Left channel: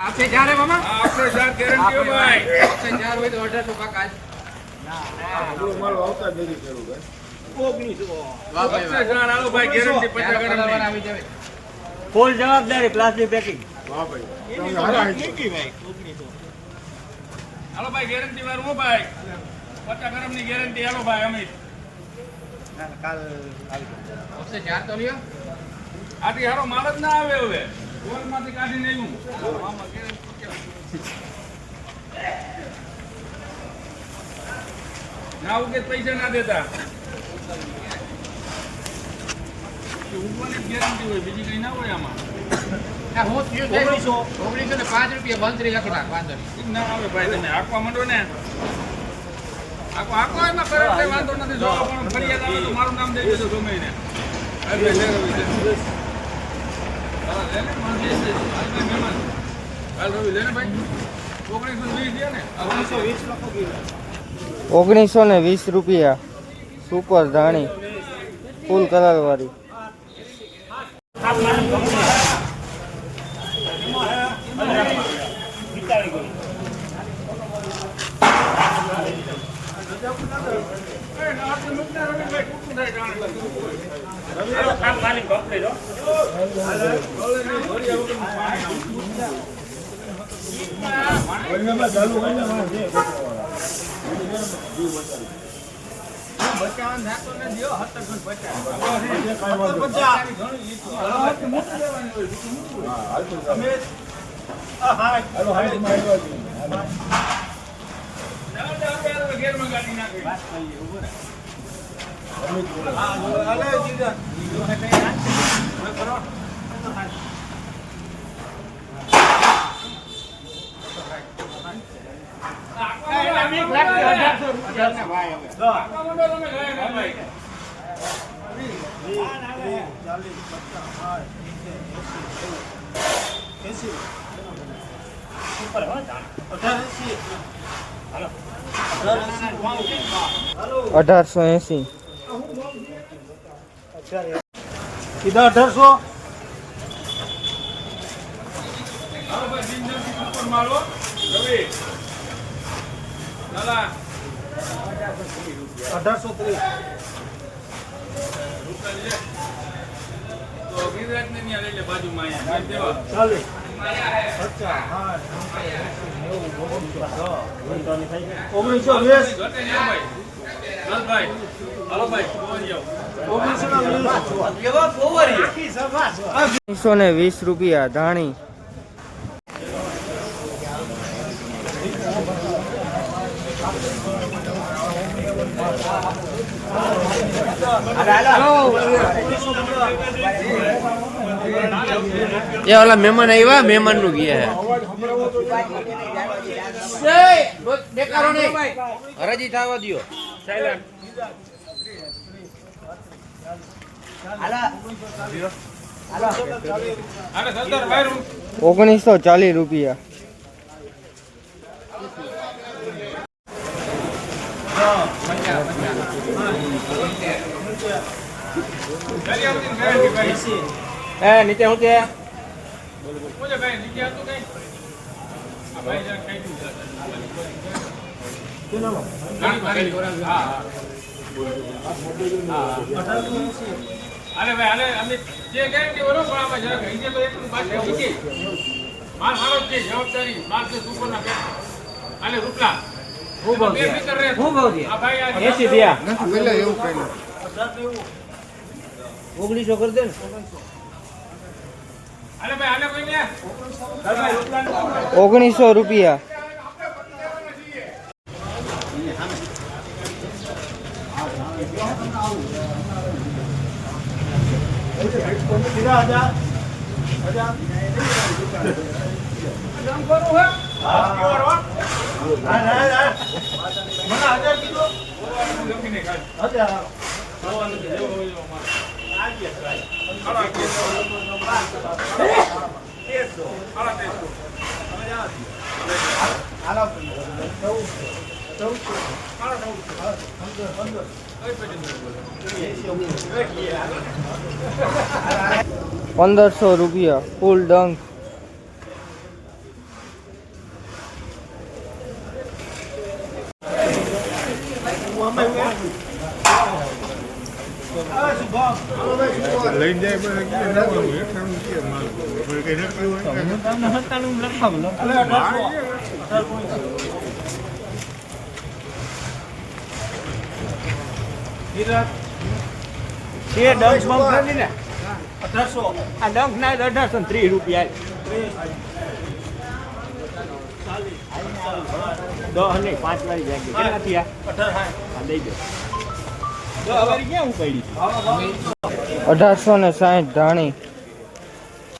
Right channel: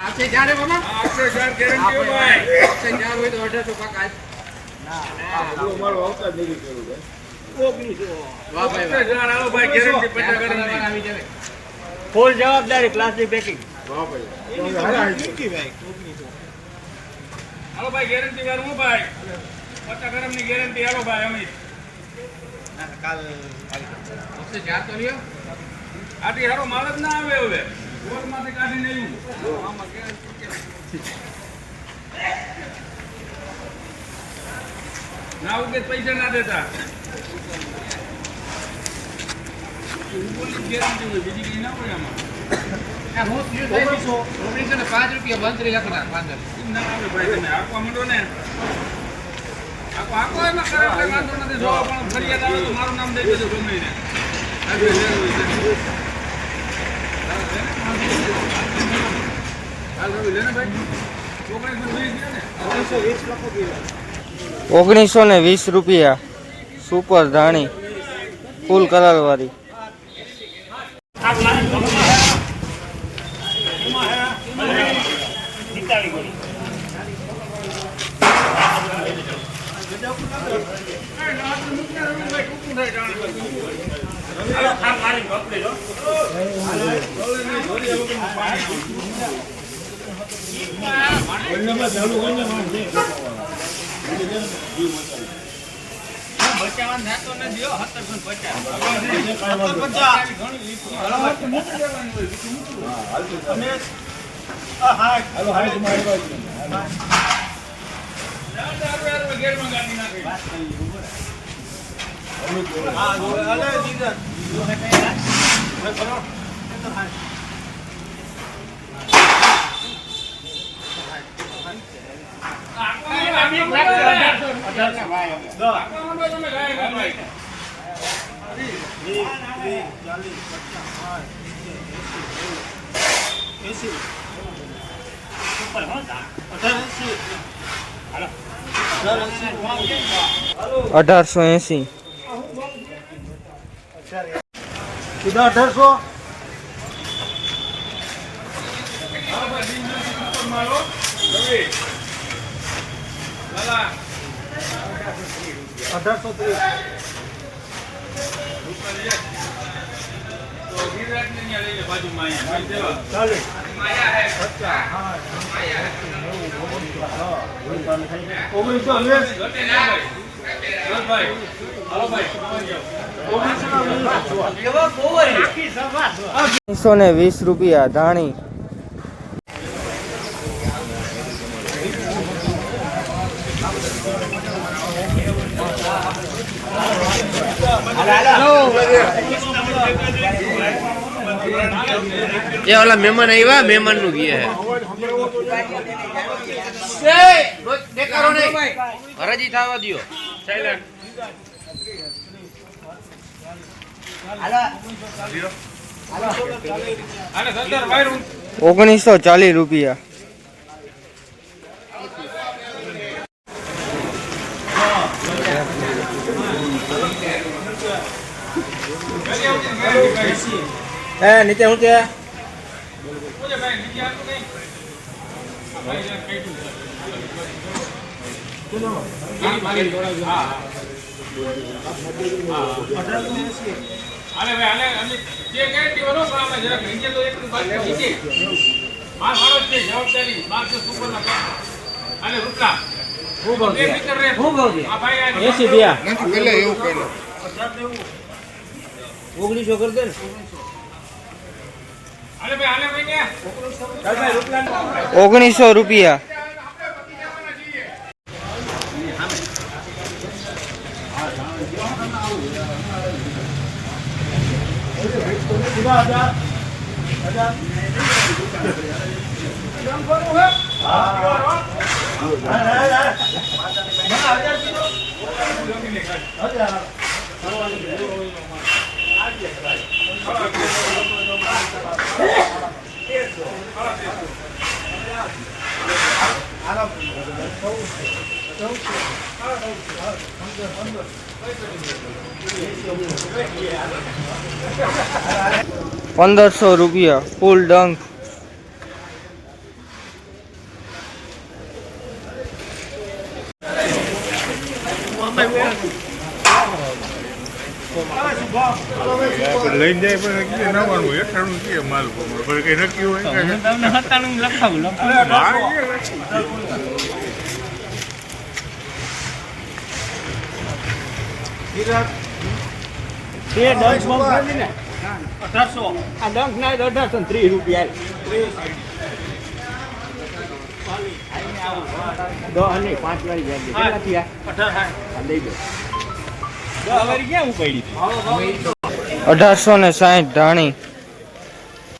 आपसे जा रहे मामा आपसे जार गारंटी हो भाई आपसे जा रहे तो 1800 का काज આપણો મારો આવતા જ નથી કર્યો ભાઈ 1900 વાહ ભાઈ आपसे जार आओ भाई गारंटी 50 गारंटी આવી જાવે ફૂલ જવાબદારી પ્લાસ્ટિક પેકિંગ વાહ ભાઈ તમે હારા આવી ભાઈ હાલો ભાઈ ગેરંટી વાળું હો ભાઈ 50 ગ્રામ ની ગેરંટી હાલો ભાઈ અમિત કાલ आपसे जार तो लियो આથી હારો માલ જ ના આવે હવે ગોળ માંથી કાઢીને આવ્યું ના ઉગે પૈસા ના દેતા ઉગવાની ગેરંટી હોય બીજી કઈ ના હોય આમાં આ હું 1905 રૂપિયા બંધ લખી નાખ 15 ઈ ના આવે ભાઈ તમે આંકવા માંડો ને આંકવા એમાં કરે એટલે વાંધો નથી જો પણ ફરિયાદ આવે તો મારું નામ દઈ દેજો ગમે ને હાલ રવિ લેને ભાઈ 1920 ને 1920 રૂપિયા સુપર ધાણી ફૂલ કલર વાળી ચાલુ કરીને બચાવવાનું થતો ને દિયો 1880 સીધા 1800 માલો રવિ લાલા 1830 તો વિરાટ ને ત્યાં લઈ લે બાજુમાં અહીંયા દેવા ચાલે માયા હે અચ્છા હા માયા હે 1920 ઘટે ના ભાઈ દસ ભાઈ હાલો ભાઈ પહોંચી જાઓ 1920 રૂપિયા ધાણી ये वाला मेहमान आया है मेहमान नु किया है बेकारो नहीं हराजी थावा दियो साइलेंट આને સંદર ભાઈ 1940 રૂપિયા નીચે હું કે ઓજે ભાઈ નીચે આતો કઈ આ ભાઈ જાન કઈ તું હા અરે ભાઈ આલે અમે જે ગેરંટી વરો પણ આપણે જરા ઇન્જિન તો એટલું બાકી છે માર મારો છે જવાબદારી 1200 સુપર ના આલે રૂપલા હું ભાવ બે ફિકર રે હું ભાવ આ ભાઈ આ 80 રૂપિયા નથી પેલા એવું કઈલો 1900 કરી દે ને આલે ભાઈ આલે ભાઈ ને 1900 રૂપિયા ₹1500 ફૂલ ડંક લઈને જાય પણ નવાનું 98 કે માલ પર કઈ નક્કી હોય હું તમને 97 લખાવું બે ડંક બંક નથી ને 1800 આ ડંક ના 1830 રૂપિયા દો નહીં 5 લઈ જાય કેટલા થયા 18 લઈ જાઓ 10 ક્યાં ઉપાડી 1860 ધાણી